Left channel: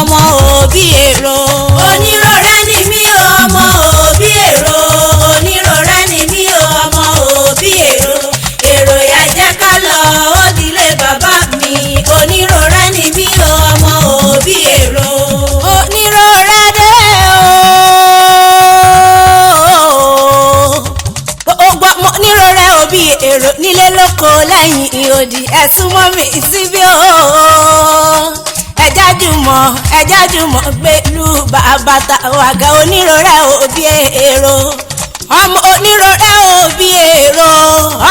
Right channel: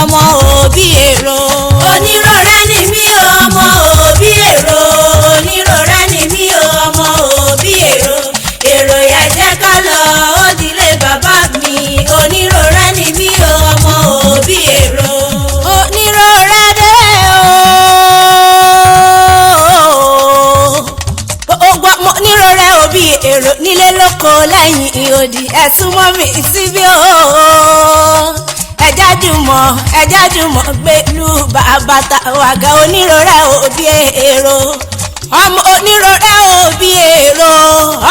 ọmọ òbí èrò. Onírọ̀rẹ́ ni mí o ọmọ òbí èrò. Onírọ̀rẹ́ ni mí o ọmọ òbí èrò. Èrò yà jẹ́ ká lọ ó dilé bàbá mi. Onírọ̀rẹ́ ni mí o ọmọ òbí èrò. Onírọ̀rẹ́ dé o. Onírọ̀rẹ́ òbí èrò nílé lóko lẹ́yìn odi ẹ̀sùn mọ́ mi síbí o. ẹja jùmọ̀ gbẹ̀lú bàbá tàwàgà. Onírọ̀rẹ́ òbí èrò. ọmọ onírọ̀rẹ́ òbí èrò.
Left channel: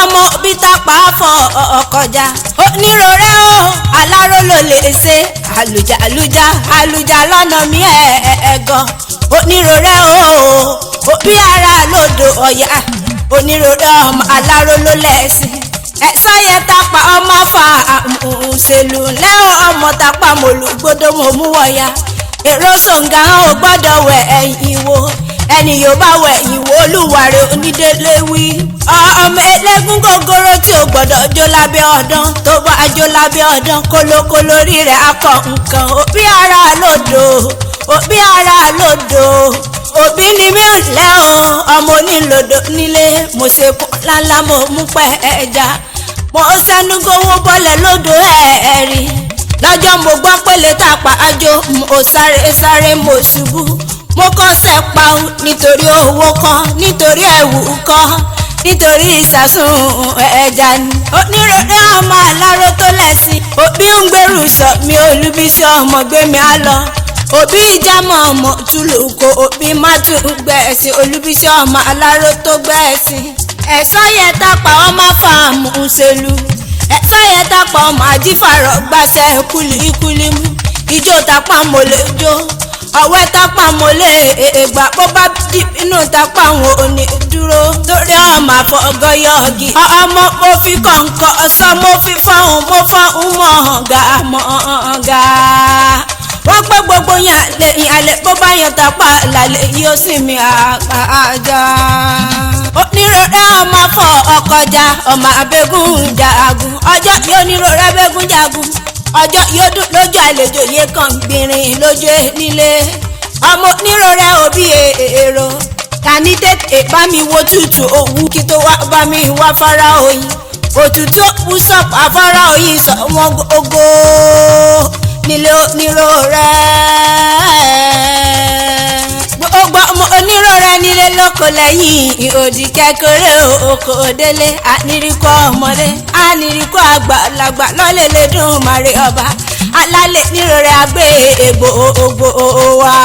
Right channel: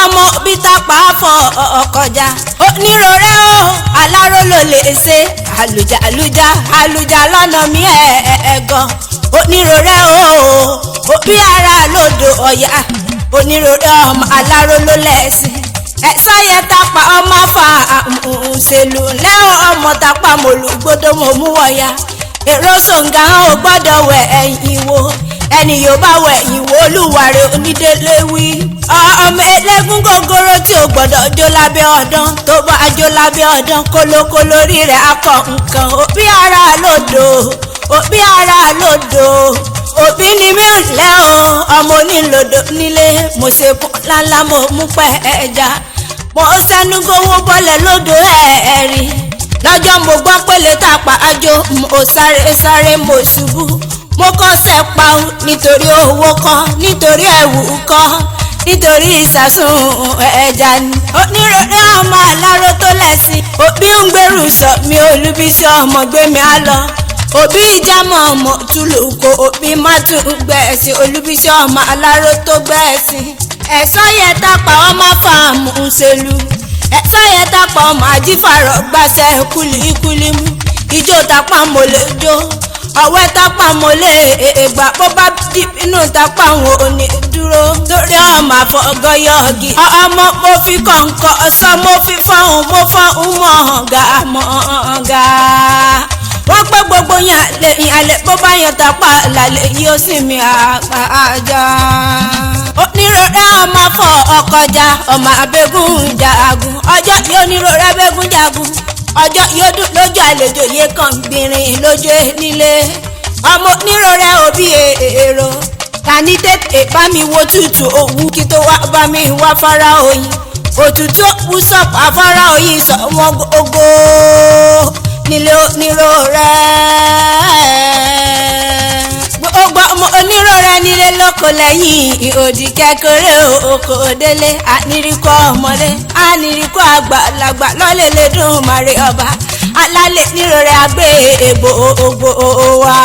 ọmọ òbí tápá fọ ọkọjà. Onírọ̀rẹ́ o aláró ló lè ṣe àlùjá lọ́nà mi ẹ̀ẹ̀gan. Onírọ̀rẹ́ o òbí ara lódò ọ̀yà. Onírọ̀rẹ́ ọmọ aláró ló lẹ́sìn. ẹ̀sọ́ yẹn tápá ọmọ fà ṣèlú lẹ́wọ̀n ọmọ tápá mọ̀lúgbódò mọ̀ mú wọ̀ya. èrò sọ̀ǹgà ò gbọ́dọ̀ wẹ̀ ẹ̀yìn wo. ẹni yóò bá wẹ̀ ẹ̀yìn wo olúwarẹ̀ onídélé wí. ọmọ elégún gogoro tí ò gbọ́dọ̀ jó lábẹ́ ọdán. tó bá jó lábẹ́ ọdán kólókóló rí rẹ̀ akọ nǹkan. òbí ara lódò òbí ara lódò. òbí ni mí ò lẹ́ o ọmọ onílòdò nílé. mo ṣe kún lálá mo mú pẹ́ ẹja. mo sẹ́nu gbówó bọ́lẹ̀ lódò ẹ̀ẹ́rì. lọ́jọ́ mo gbọ́ pé lè tàpá àjò. mo sáré mo ṣubú. mo kọ́sẹ̀ pa ọ́ nítorí owó kan nítorí ẹ̀wù kan nítorí ìsàsùn ẹja ni. Onírọ̀rẹ́ ọmọ aláró tó lẹ́sìn. òbí ń gbèrú sọ mi olúbísí ọmọ gbé mi á lọ. òbí ìjàmọ̀ ọmọ túlùkọ òbí má tún gbẹ̀ẹ́sì. olúbísí ọmọ aláró tó gbẹ̀ẹ́sì. ẹ̀sọ́ yẹn tápá ọmọ fàámù ṣèlú. ẹ̀sọ́ yẹn tápá ọmọ àjífàrọ̀ gbàṣẹ kúlíkúlí mú. ijó tápá mo lè jó ọ̀wẹ́ tápá mo lè ègbà. bó bá dì inú tápá wọn ò ní dúró. lórí ọmọ àfọ̀gọ́yọ̀gì. ọmọ mo fi kọ̀ǹkọ̀ ọ̀sán mo fi fọ́hùn mo fọ́hùn mọ̀ọ́gà mọ̀ọ́gà. wọ́n pẹ́ gbogbo yàn lè bó bá yàn tápá lálẹ́ yóò sì mi àjà. Onírọ̀rẹ́ ọmọ fọ ọkọjà ọmọ abẹ́gùn jagun. ọjọ́ yóò nírọ̀rẹ́ abẹ́gùn jagun. ọjọ́ yóò dùn lójú àlejò yé kan gbìnrín lójú nílé. ọmọ onírọ̀rẹ́ òbí èrò. tani tètè bá mi wo tútù òwú kí tó wá bá mi wá fara oyin. òtútù òkú sọ̀pọ̀ afárá oyin sọ wọn gbogbo nílé onírọ̀rẹ́. gbogbo ọmọ onírọ̀rẹ́ nílé lóko lẹ́yìn òdì kékeré oko délé. ànírìkọ́ ọmọdé ànírìkọ́ àgbàlagbà lọ́lẹ̀lẹ̀ dùn màrí ọba. alálẹ̀ nírọ̀rẹ́ àgbẹ̀ ègbò wa.